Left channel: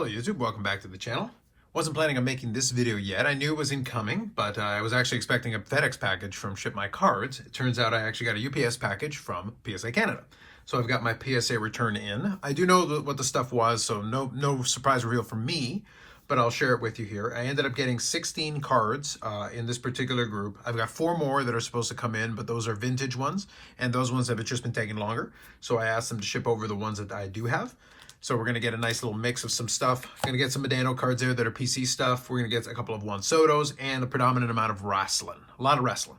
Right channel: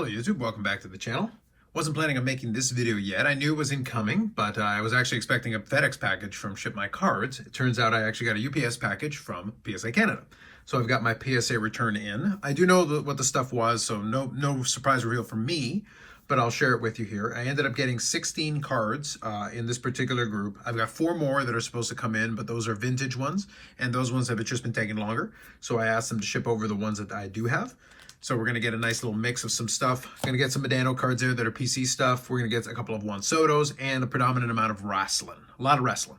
Hello YouTube, welcome back to the channel. Wasn't planning on making this video yet. I knew it was incoming, but I was actually expecting a FedEx package from Ship My Cards. It turns out I actually got a UPS package from PSA Canada. So I've got my PSA return in. I do know what the stuff was, so no surprise reveal from me, but I'll share it with you here. I ended up getting 16 cards in this particular group. I've got 4 more that are supposed to come in, but those are vintage ones, and those ones have just been taking longer. So I asked them to ship over the ones that I do have. So we're going to get a nice little mix of some stuff. Going to get some Modano cards there that are PC stuff. We're going to get a couple of Juan Sotos and a predominant amount of wrestling. A lot of wrestling.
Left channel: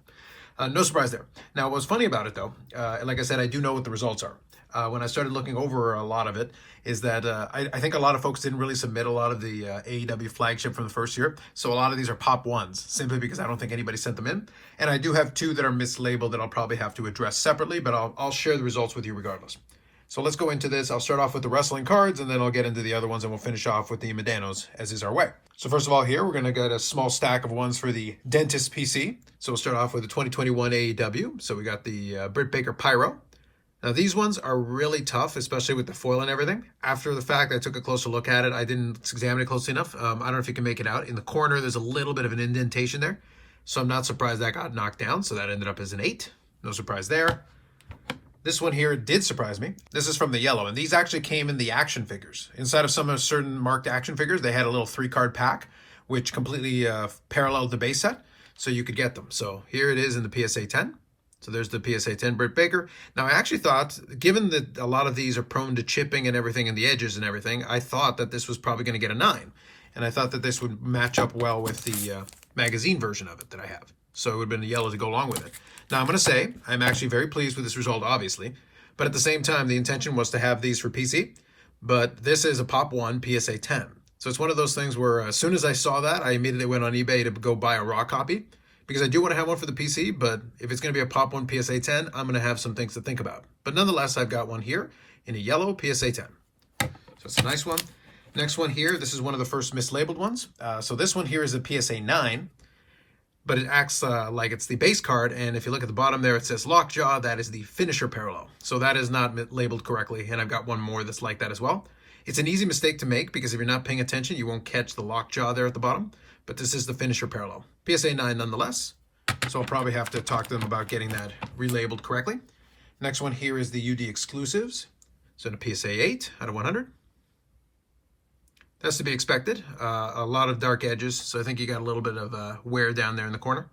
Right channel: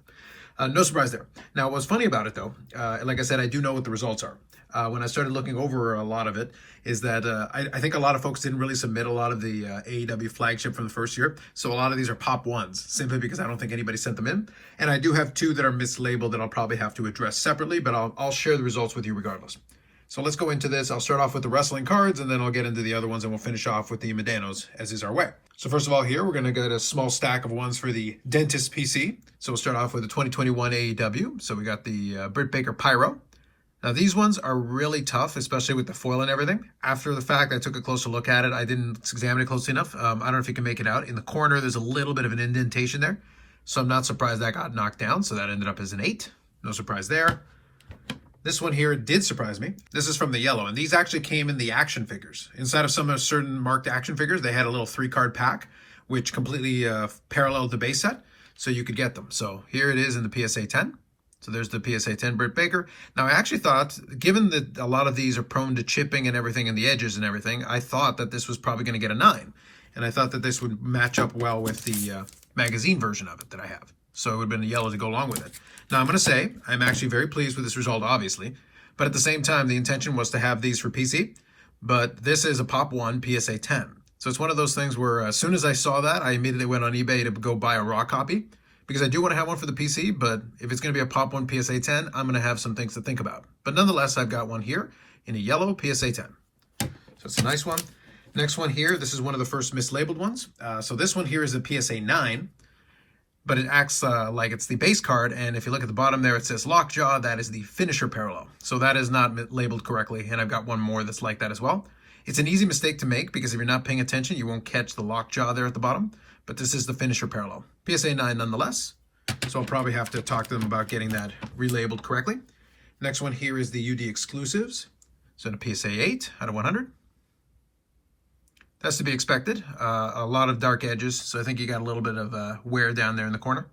No surprise there. Now, what's funny about it, though, like I said, I do know what the results are. When I started looking over a lot of it, is that I think a lot of folks didn't really submit a lot of the AEW flagship from the first year. So a lot of these are pop ones, simply because I don't think anybody sent them in. And I do have 2 that are mislabeled that I'll probably have to address separately, but I'll share the results with you regardless. So let's go into this. I'll start off with the wrestling cards, and then I'll get into the other ones, and we'll finish off with the Modanos, as is our way. So first of all here, we're going to get a small stack of ones for the Dentist PC. So we'll start off with the 2021 AEW. So we got the Britt Baker Pyro. Now these ones are really tough, especially with the foil and everything. After the fact, I took a closer look at it. I didn't examine it closely enough. I don't know if you can make it out. In the corner, there's a little bit of an indentation there. So I'm not surprised that got knocked down. So that ended up as an 8. No surprise there. This one here did surprise me. This is from the yellow, and these actually came in the action figures. Inside of some of certain marked action figures, they had a little 3-card pack, which completely paralleled the base set, so you could get them. So here it is in the PSA 10. So there's the PSA 10 Britt Baker. Now, I actually thought, given that a lot of these are prone to chipping and everything in the edges and everything, I thought that this was probably going to get a 9. And I thought that this would match up well with the magazine version of it that I have. So it would have been a yellow to go along with it. Now, I'm going to say I'm actually very pleased with this result, obviously. But at the same time, the intention was to have these for PC. But this is a Pop 1 PSA 10. So it's one of those things where as soon as I saw that, I immediately went on eBay to go buy a raw copy. Because I do want to have one for the PC, but if it's going to be a Pop 1 PSA 10, I'm going to have some things to think about. But nonetheless, I've got one here in a yellow PSA 10. So it's a nice one. Next one here, this is one of the first mislabeled ones. So this one here is a PSA 9. But it acts like it's the base card, and if you look at the bottom there, it says Lockjaw. That is the finisher parallel. So that is not labeled correctly, and I've got one more that's like that as well. It's an easy mistake to make, because if you're not paying attention, you won't catch the Lockjaw there at the bottom, but this is the finisher parallel. PSA 9 nonetheless, so I'll probably have to talk to them about getting that relabeled correctly. Next one here is the UD exclusives. So in a PSA 8 out of 100. That's to be expected. A lot of dark edges, so I think you got a little bit of wear down there in the corner.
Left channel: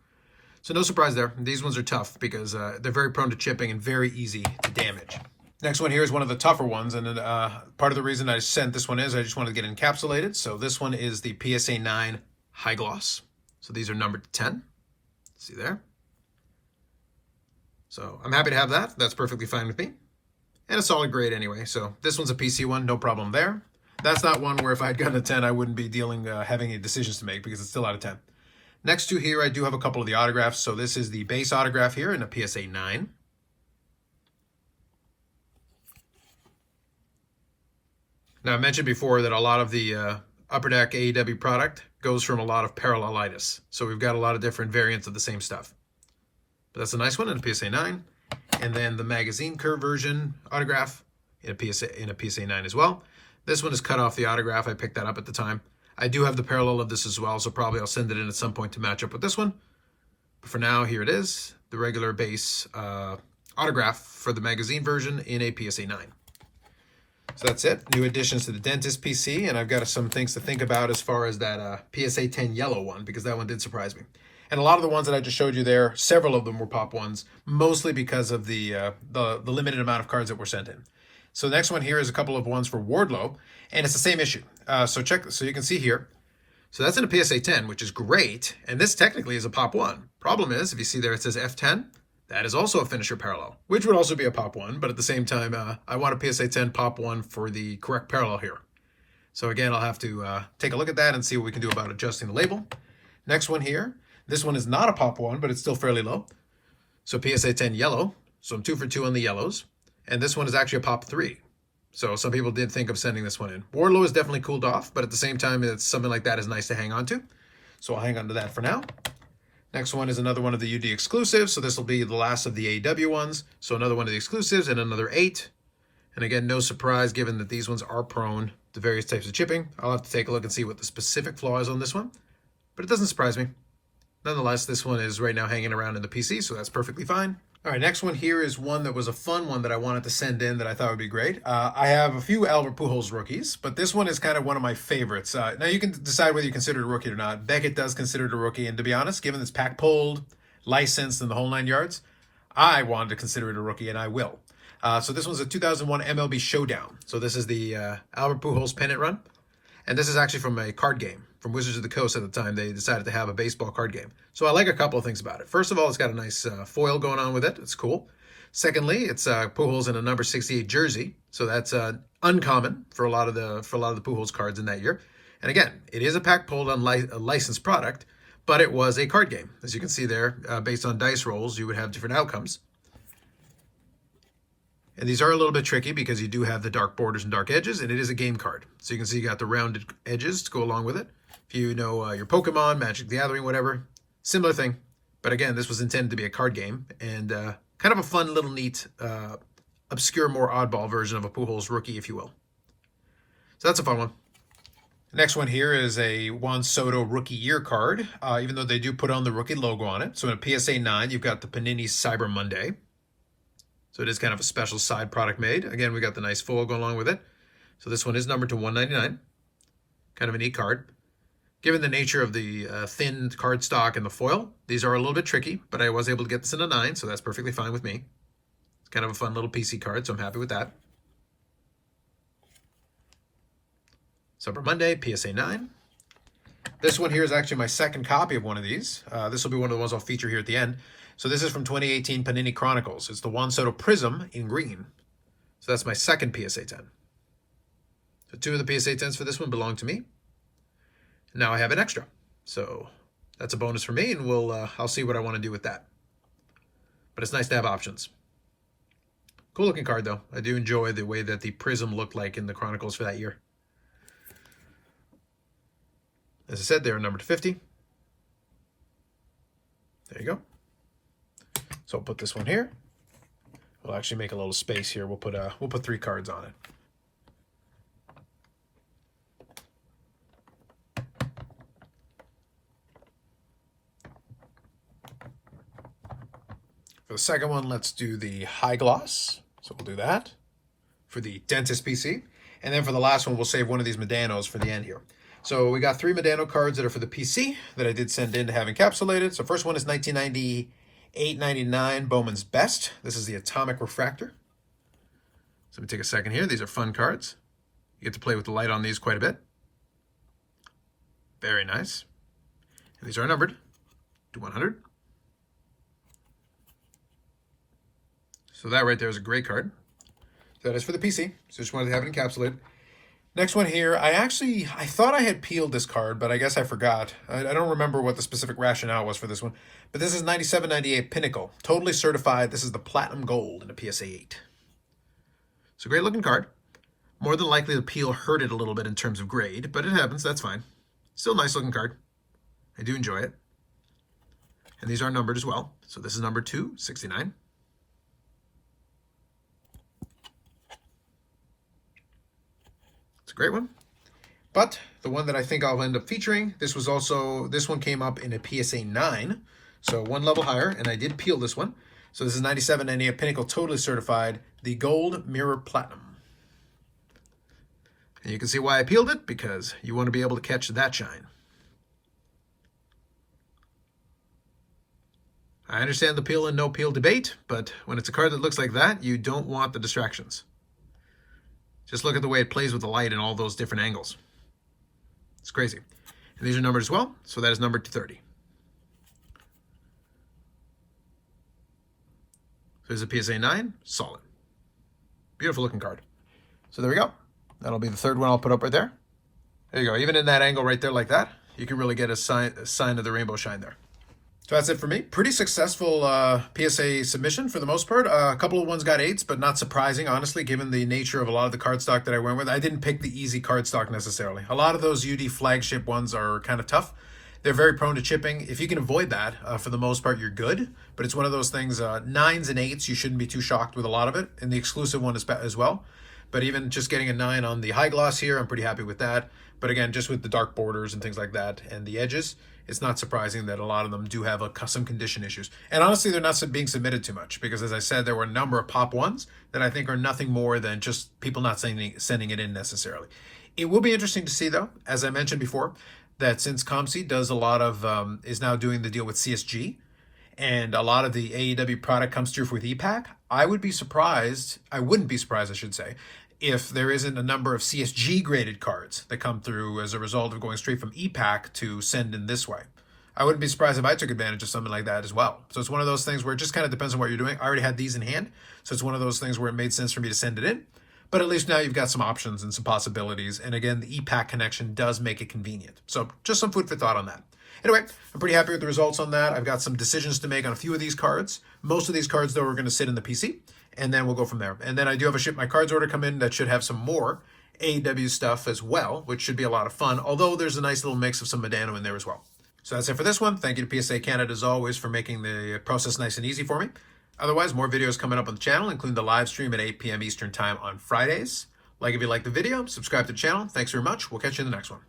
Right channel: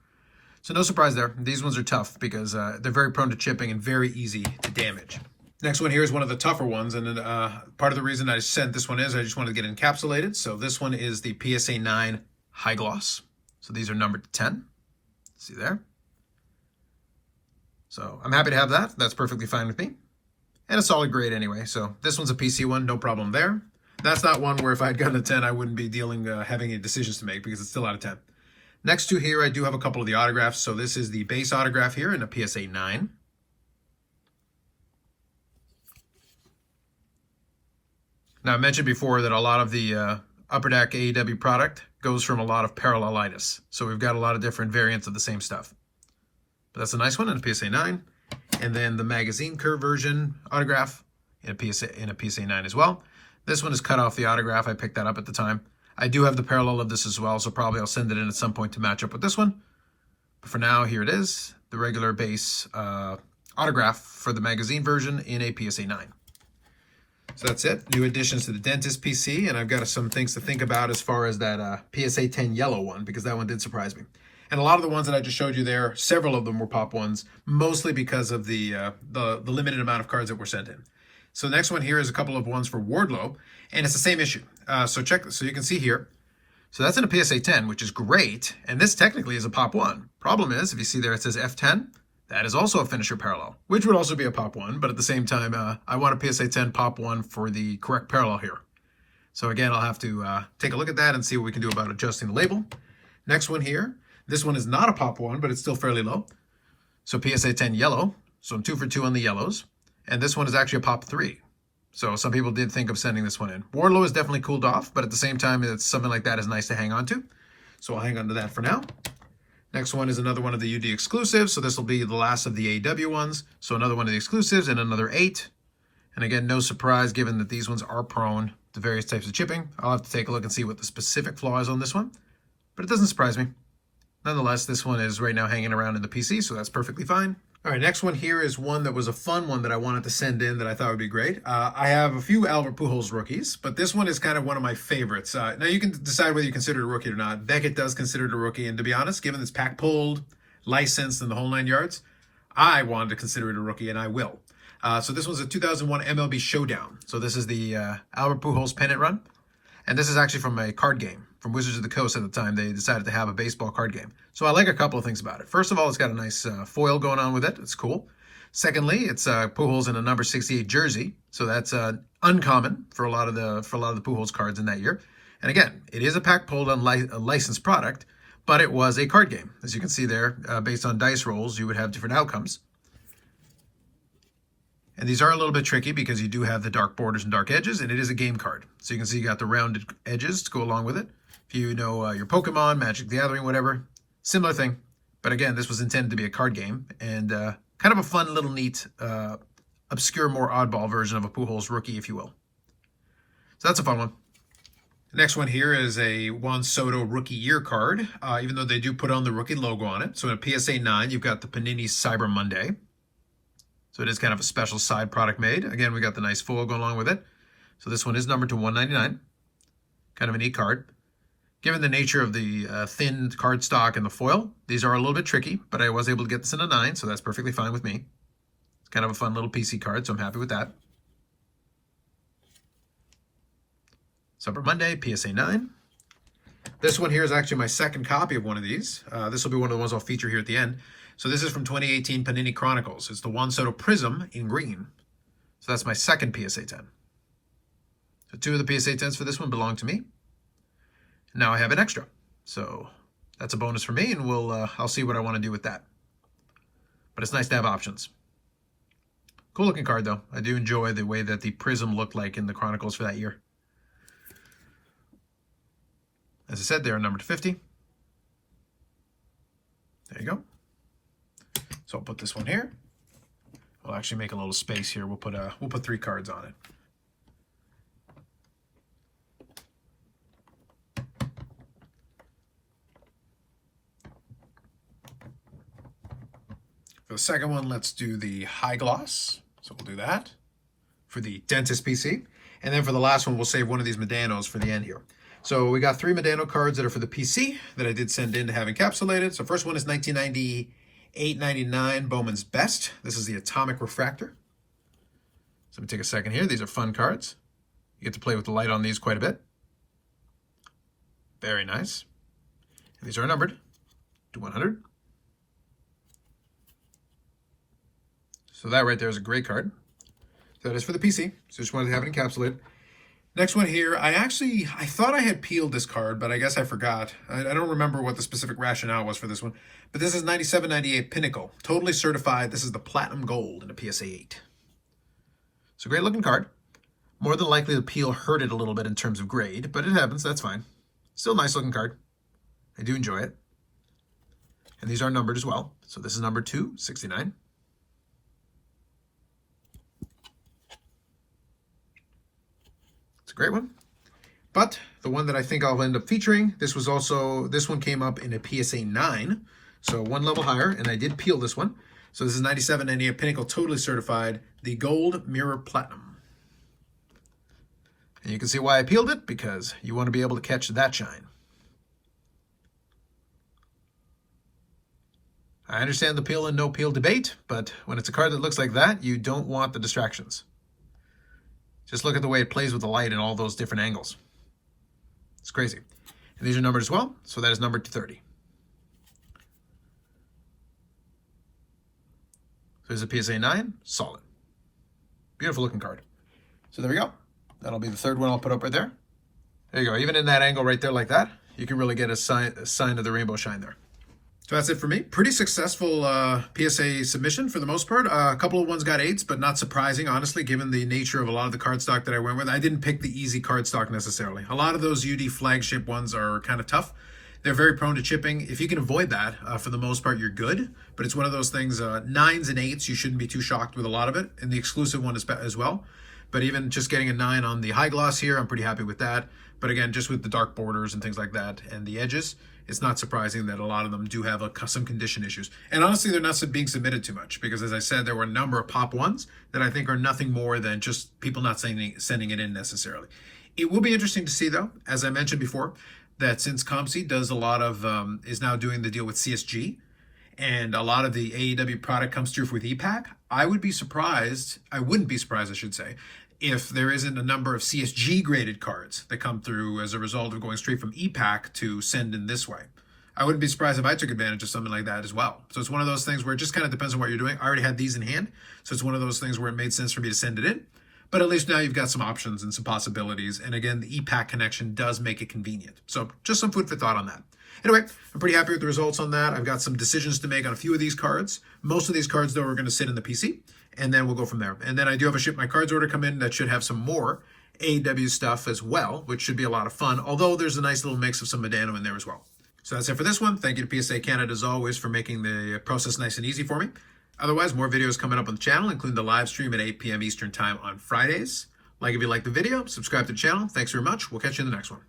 So no surprise there. These ones are tough because they're very prone to chipping and very easy to damage. Next one here is one of the tougher ones, and part of the reason I sent this one is I just wanted to get it encapsulated. So this one is the PSA 9 High Gloss. So these are numbered 10. See there? So I'm happy to have that. That's perfectly fine with me. And a solid grade anyway. So this one's a PC one, no problem there. That's not one where if I had gotten a 10, I wouldn't be having any decisions to make because it's still out of 10. Next to here, I do have a couple of the autographs. So this is the base autograph here in a PSA 9. Now, I mentioned before that a lot of the Upper Deck AEW product goes from a lot of parallelitis. So we've got a lot of different variants of the same stuff. But that's a nice one in a PSA 9. And then the magazine curve version autograph in a PSA 9 as well. This one is cut off the autograph. I picked that up at the time. I do have the parallel of this as well, so probably I'll send it in at some point to match up with this one. But for now, here it is, the regular base autograph for the magazine version in a PSA 9. So that's it. New additions to the Dentist PC, and I've got some things to think about as far as that PSA 10 yellow one, because that one did surprise me. And a lot of the ones that I just showed you there, several of them were Pop 1s, mostly because of the limited amount of cards that were sent in. So the next one here is a couple of ones for Wardlow, and it's the same issue. So you can see here. So that's in a PSA 10, which is great, and this technically is a Pop 1. Problem is, if you see there it says F10, that is also a finisher parallel, which would also be a Pop 1, but at the same time, I want a PSA 10 Pop 1 for the correct parallel here. So again, I'll have to take a look at that and see what we can do about adjusting the label. Next one here, this one is not a Pop 1, but it's still fairly low. So PSA 10 yellow, so I'm 2 for 2 on the yellows. And this one is actually a Pop 3. So some people did think of sending this one in. Wardlow is definitely cooled off, but at the same time, it's something like that is nice to hang on to. So I'll hang on to that for now. Next one is another one of the UD exclusives. So this will be the last of the AEW ones. So another one of the exclusives and another 8. And again, no surprise given that these ones are prone the various types of chipping. I'll have to take a look and see what the specific flaw is on this one, but it doesn't surprise me. Nonetheless, this one is right now hanging around in the PC, so that's perfectly fine. All right, next one here is one that was a fun one that I wanted to send in that I thought would be great. I have a few Albert Pujols rookies, but this one is kind of one of my favorites. Now, you can decide whether you consider it a rookie or not. Beckett does consider it a rookie, and to be honest, given it's pack pulled, licensed, and the whole 9 yards, I wanted to consider it a rookie, and I will. So this one's a 2001 MLB Showdown. So this is the Albert Pujols pennant run, and this is actually from a card game. From Wizards of the Coast at the time, they decided to have a baseball card game. So I like a couple of things about it. First of all, it's got a nice foil going on with it. It's cool. Secondly, it's Pujols in a number 68 jersey, so that's uncommon for a lot of the Pujols cards in that year. And again, it is a pack pulled on a licensed product, but it was a card game. As you can see there, based on dice rolls, you would have different outcomes. And these are a little bit tricky because you do have the dark borders and dark edges, and it is a game card. So you can see you got the rounded edges to go along with it. If you know your Pokemon, Magic the Gathering, whatever, similar thing. But again, this was intended to be a card game and kind of a fun little neat, obscure, more oddball version of a Pujols rookie, if you will. So that's a fun one. Next one here is a Juan Soto Rookie Year card, even though they do put on the rookie logo on it. So in a PSA 9, you've got the Panini Cyber Monday. So it is kind of a special side product made. Again, we got the nice foil going along with it. So this one is numbered to 199. Kind of a neat card. Given the nature of the thin cardstock and the foil, these are a little bit tricky, but I was able to get this in a 9, so that's perfectly fine with me. It's kind of a fun little PC card, so I'm happy with that. Cyber Monday, PSA 9. This one here is actually my second copy of one of these. This will be one of the ones I'll feature here at the end. So this is from 2018 Panini Chronicles. It's the Juan Soto Prism in green. So that's my second PSA 10. So 2 of the PSA 10s for this one belong to me. Now I have an extra, so that's a bonus for me, and I'll see what I want to do with that. But it's nice to have options. Cool looking card, though. I do enjoy the way that the Prism looked like in the Chronicles for that year. As I said, they are numbered to 50. There you go. So we'll put this one here. We'll actually make a little space here. We'll put 3 cards on it. For the second one, let's do the high gloss. So we'll do that for the Dentist PC. And then for the last one, we'll save one of these Modanos for the end here. So we got 3 Modano cards that are for the PC that I did send in to have encapsulated. So first one is 1998-99 Bowman's Best. This is the Atomic Refractor. So let me take a second here. These are fun cards. You get to play with the light on these quite a bit. Very nice. And these are numbered to 100. So that right there is a great card. So that is for the PC. So just wanted to have it encapsulated. Next one here, I thought I had peeled this card, but I guess I forgot. I don't remember what the specific rationale was for this one. But this is 97-98 Pinnacle. Totally certified. This is the Platinum Gold in a PSA 8. So great looking card. More than likely the peel hurt it a little bit in terms of grade, but it happens. That's fine. Still a nice looking card. I do enjoy it. And these are numbered as well. So this is number 269. It's a great one. But the one that I think I'll end up featuring, this one came up in a PSA 9, so one level higher, and I did peel this one. So this is 97-98 Pinnacle, totally certified, the Gold Mirror Platinum. And you can see why I peeled it, because you want to be able to catch that shine. I understand the peel and no peel debate, but when it's a card that looks like that, you don't want the distractions. Just look at the way it plays with the light and all those different angles. It's crazy. And these are numbered as well, so that is numbered to 30. There's a PSA 9, solid. Beautiful looking card. So there we go. That'll be the third one I'll put up right there. There you go. Even in that angle right there like that, you can really get a sign of the rainbow shine there. So that's it for me. Pretty successful PSA submission for the most part. A couple of ones got 8s, but not surprising, honestly, given the nature of a lot of the cardstock that I went with. I didn't pick the easy cardstock necessarily. A lot of those UD flagship ones are kind of tough. They're very prone to chipping. If you can avoid that, for the most part, you're good. But it's one of those things, 9s and 8s, you shouldn't be too shocked with a lot of it. And the exclusive one is as well. But even just getting a 9 on the high gloss here, I'm pretty happy with that. But again, just with the dark borders and things like that and the edges, it's not surprising that a lot of them do have some condition issues. And honestly, they're not being submitted too much because, as I said, there were a number of pop ones that I think are nothing more than just people not sending it in necessarily. It will be interesting to see, though, as I mentioned before, that since ComC does a lot of, is now doing the deal with CSG, and a lot of the AEW product comes through with EPAC, I wouldn't be surprised, I should say, if there isn't a number of CSG graded cards that come through as a result of going straight from EPAC to send in this way. I wouldn't be surprised if I took advantage of something like that as well. So it's one of those things where it just kind of depends on what you're doing. I already had these in hand, so it's one of those things where it made sense for me to send it in. But at least now you've got some options and some possibilities. And again, the EPAC connection does make it convenient. So just some food for thought on that. Anyway, I'm pretty happy with the results on that. I've got some decisions to make on a few of these cards. Most of these cards, though, are going to sit in the PC, and then we'll go from there. And then I do have a Ship My Cards order come in that should have some more AEW stuff as well, which should be a lot of fun, although there's a nice little mix of some Modano in there as well. So that's it for this one. Thank you to PSA Canada, as always, for making the process nice and easy for me. Otherwise, more videos coming up on the channel, including the live stream at 8 p.m. Eastern Time on Fridays. Like if you like the video, subscribe to the channel. Thanks very much. We'll catch you in the next one.